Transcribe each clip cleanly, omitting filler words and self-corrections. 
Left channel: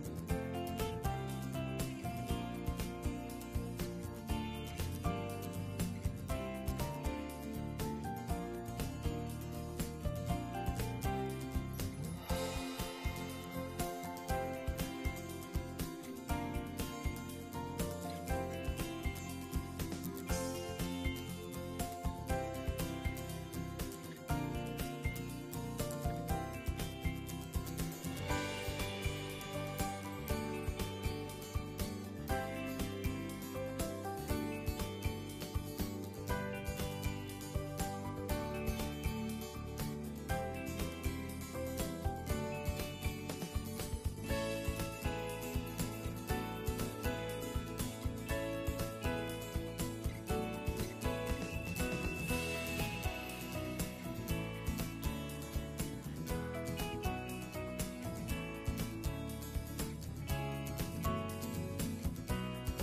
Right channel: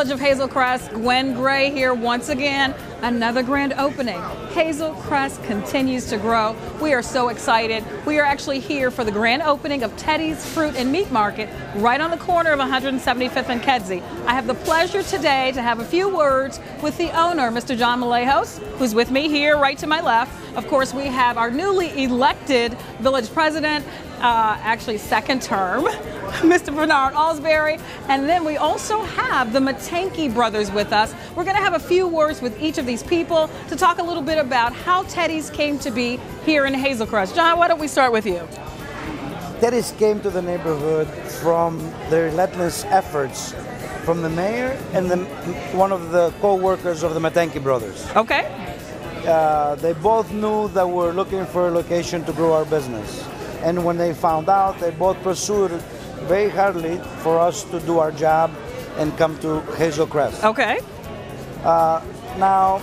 Village of Hazel Crest. Gwen Gray here once again. Another grand opening. Hazel Crest continues to grow. We are so excited. We are actually here for the grand opening of Teddy's Fruit and Meat Market right on the corner of 175th and Kedzie. I have the pleasure today to have a few words with the owner, Mr. John Malejos, who's with me here right to my left. Of course, we have our newly elected village president, actually second term, Mr. Bernard Alsberry, and then we also have the Matanke brothers with us. We're going to have a few words with each of these people to talk a little bit about how Teddy's came to be here in Hazel Crest. John, why don't we start with you? Teddy's came to the neighborhood from the relentless efforts from the mayor and one of the co-workers of the Matanke brothers. Okay. They both knew that we're looking for a location to grow our business. And when they found out, they both pursued very hardly for us to do our job and come to Hazel Crest. Okay. Now,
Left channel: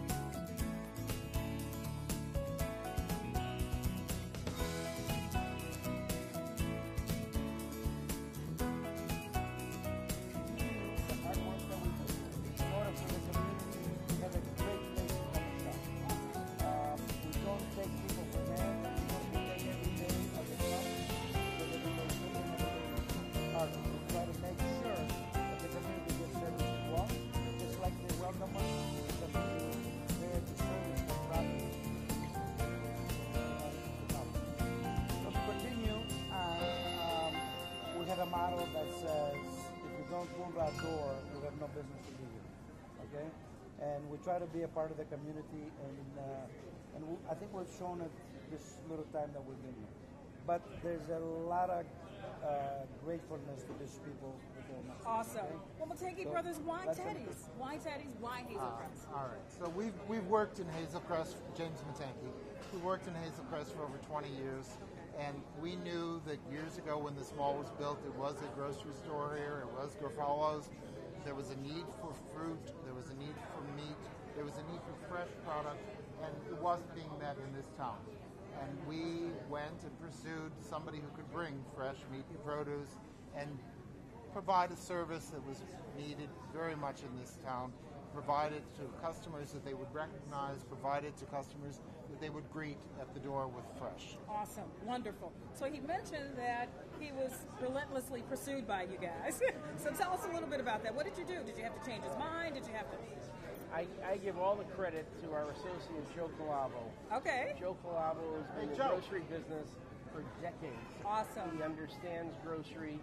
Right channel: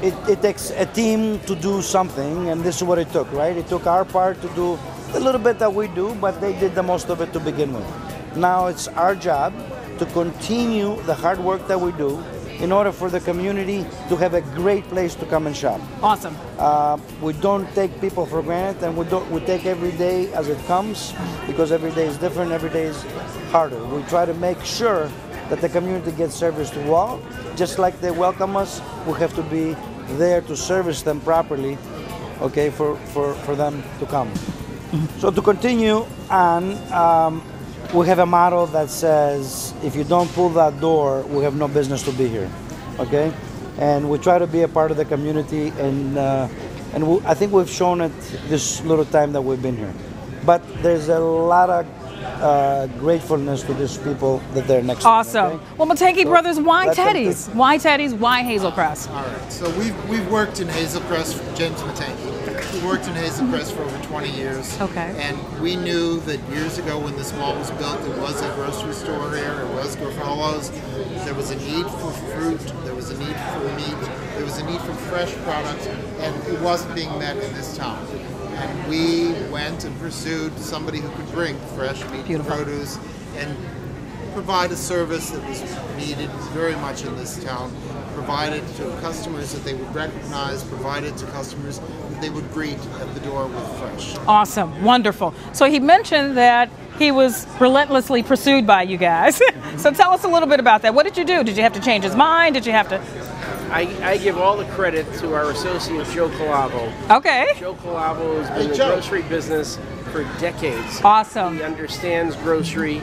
it takes a team to do something, and this is what it took, right? It took our part to do a little bit that we do, but they did the most of it to begin with. Now it's our job to continue the hard work that we do in order for the community to have a great place to come and shop. Awesome. We don't take people for granted, and we take every day as it comes, because every day is different, every day is harder. We try to make sure that the community gets serviced well. Just like they welcome us, we have to be there to service them properly, okay, for them to come. So to continue on, we have a motto that says, if you don't pull that door, we have no business to be here, okay? And we try to be a part of the community, and I think we've shown it this little time that we've been here. But there's a lot of gratefulness to these people that they're next awesome. to. Okay? Well, Matanke brothers, why Teddy's? Why Teddy's? Why Hazel Crest? All right, so we've worked in Hazel Crest, James Matanke. We worked in Hazel Crest for over 20 years. Okay. And we knew that years ago when this mall was built, it was a grocery store here, it was Garofalo's. There was a need for fruit, there was a need for meat, there was a need for fresh products, and it wasn't being met in this town. And we went and pursued somebody who could bring fresh meat and produce and provide a service that was needed very much in this town, provided to customers that they would recognize, provided to customers that they would greet at the door with fresh. Awesome, wonderful. So he mentioned that he was relentlessly pursued by you guys. So tell us a little bit about that. What did you do? Did you have to change his mind? Did you have to? I give all the credit to our associate, Joe Calavo. Okay. Joe Calavo has been in the grocery business for decades. Awesome. He understands grocery,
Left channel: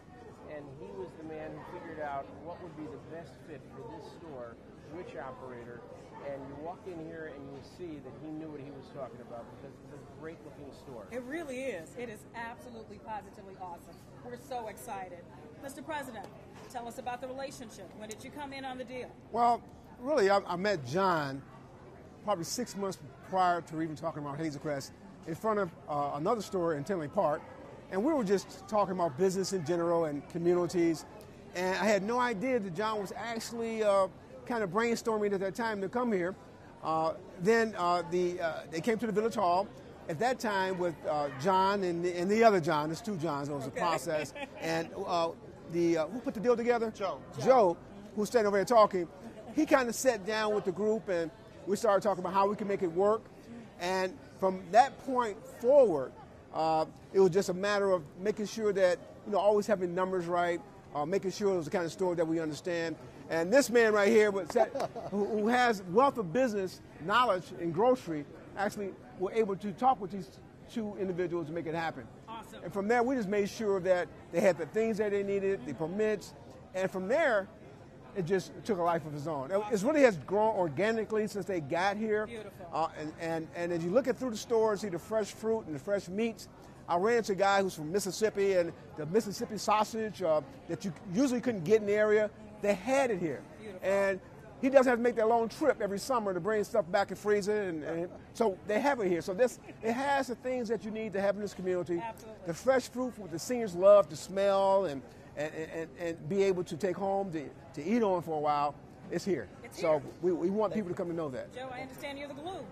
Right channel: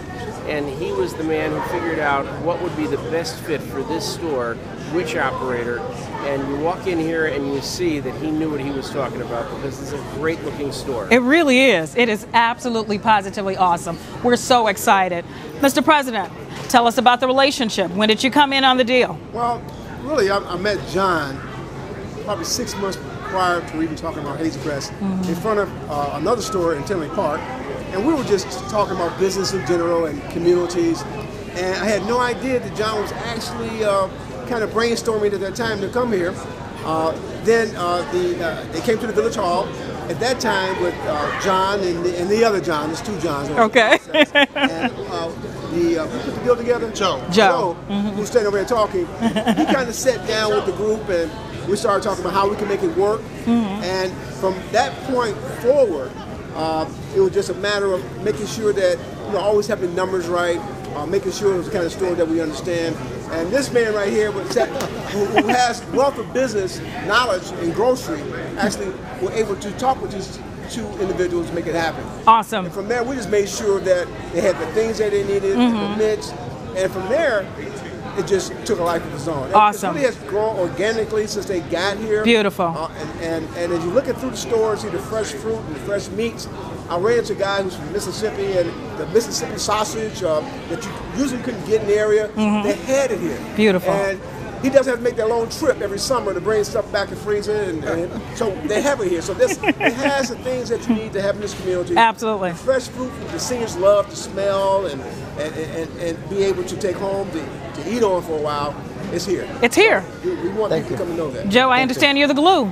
and he was the man who figured out what would be the best fit for this store, which operator, and you walk in here and you see that he knew what he was talking about, because it's a great looking store. It really is. It is absolutely, positively awesome. We're so excited. Mr. President, tell us about the relationship. When did you come in on the deal? Well, really, I met John probably 6 months prior to even talking about Hazel Crest in front of another store in Tinley Park, and we were just talking about business in general and communities, and I had no idea that John was actually kind of brainstorming at that time to come here. Then they came to the Village Hall at that time with John and the other John. There's two Johns. Okay. And the put the deal together. Joe, who's standing over there talking, he kind of sat down with the group and we started talking about how we can make it work. And from that point forward, it was just a matter of making sure that, always having numbers right, making sure it was the kind of store that we understand. And this man right here, who has wealth of business knowledge in grocery, actually were able to talk with these two individuals to make it happen. Awesome. And from there, we just made sure that they had the things that they needed, the permits, and from there, it just took a life of its own. Awesome. It really has grown organically since they got here. Beautiful. And as you look through the stores, see the fresh fruit and the fresh meats. I ran into a guy who's from Mississippi, and the Mississippi sausage that you usually couldn't get in the area, they had it here. Beautiful. And he doesn't have to make that long trip every summer to bring stuff back and freeze it, and so they have it here. So it has the things that you need to have in this community. Absolutely. The fresh fruit the seniors love to smell and be able to take home to eat on for a while. It's here. It's here. So we want people to come and know that. Joe, I understand you're the glue.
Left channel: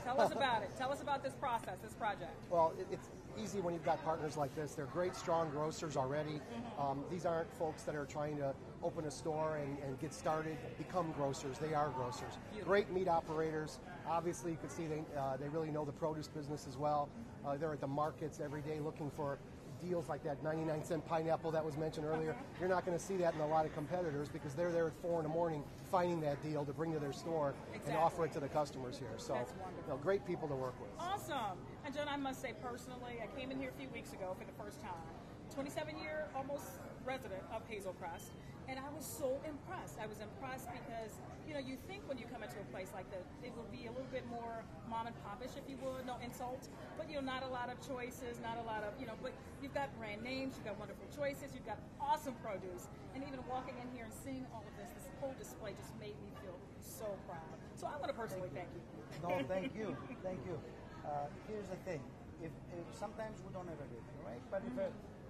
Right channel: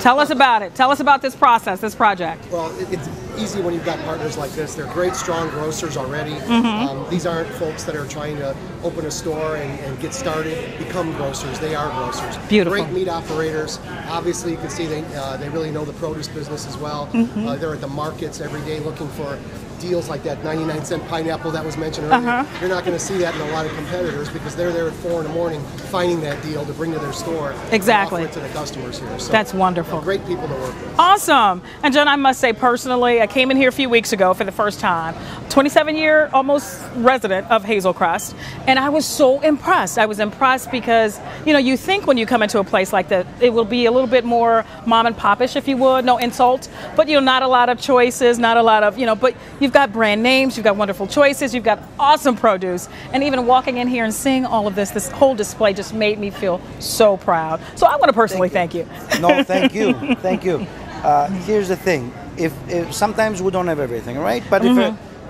Tell us about it. Tell us about this process, this project. Well, it's easy when you've got partners like this. They're great, strong grocers already. These aren't folks that are trying to open a store and get started, become grocers. They are grocers. Beautiful. Great meat operators. Obviously, you can see they really know the produce business as well. They're at the markets every day looking for deals like that 99-cent pineapple that was mentioned earlier. You're not going to see that in a lot of competitors because they're there at 4 in the morning finding that deal to bring to their store. Exactly. And offer it to the customers here. So, that's wonderful. Great people to work with. Awesome. And John, I must say personally, I came in here a few weeks ago for the first time. 27-year almost resident of Hazel Crest, and I was so impressed. I was impressed because, you know, you think when you come into a place like that, it will be a little bit more mom and popish, if you would, no insult, but, you know, not a lot of choices, not a lot of, you know, but you've got brand names, you've got wonderful choices, you've got awesome produce, and even walking in here and seeing all of this whole display just made me feel so proud. So I want to personally thank you. No, thank you. Thank you. Here's the thing. If sometimes we don't have everything, right? But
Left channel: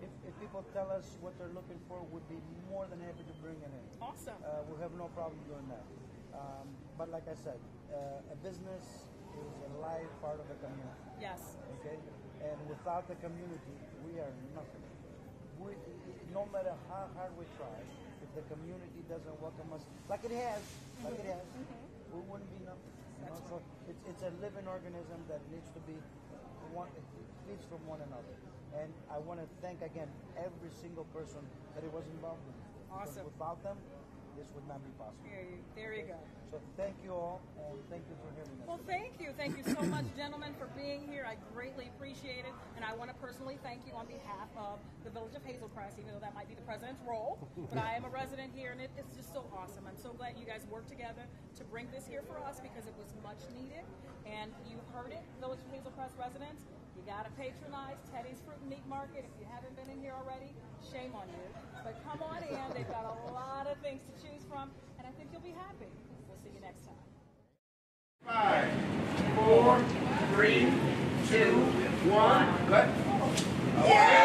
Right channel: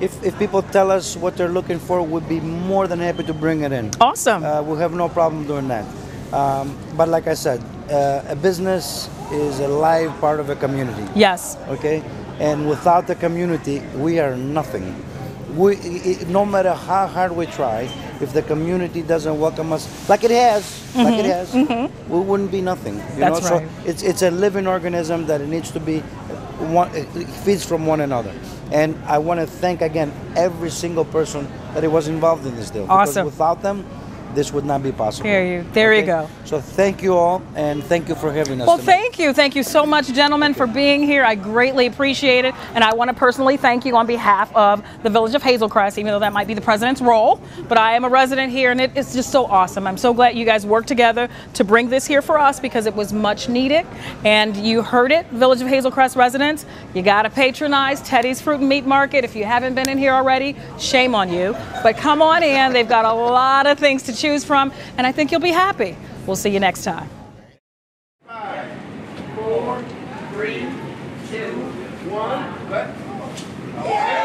if people tell us what they're looking for, we'd be more than happy to bring it in. Awesome. We'll have no problem doing that. But like I said, a business is a live part of a community. Yes. Okay? And without the community, we are nothing. No matter how hard we try, if the community doesn't welcome us, like it has, we wouldn't be nothing. You That's know? right. So it's a living organism that it needs to be, it feeds from one another. And I want to thank again every single person that was involved in this deal. Awesome. Because without them, this would not be possible. There you go. So thank you all, and thank you for having us. Well, tonight. thank you so much, gentlemen, for being here. I greatly appreciate it, and I want to personally thank you on behalf of the Village of Hazel Crest, even though that might be the president's role. But I am a resident here, and it's just so awesome. I'm so glad you guys worked together to bring this here for us because it was much needed. And you heard it, Village of Hazel Crest residents. You got to patronize Teddy's Fruit and Meat Market. If you haven't been in here already, shame on you. But come on in. They've got a lot of things to choose from, and I think you'll be happy. We'll see you next time. 5, 4, 3, 2, 1, good. Yeah!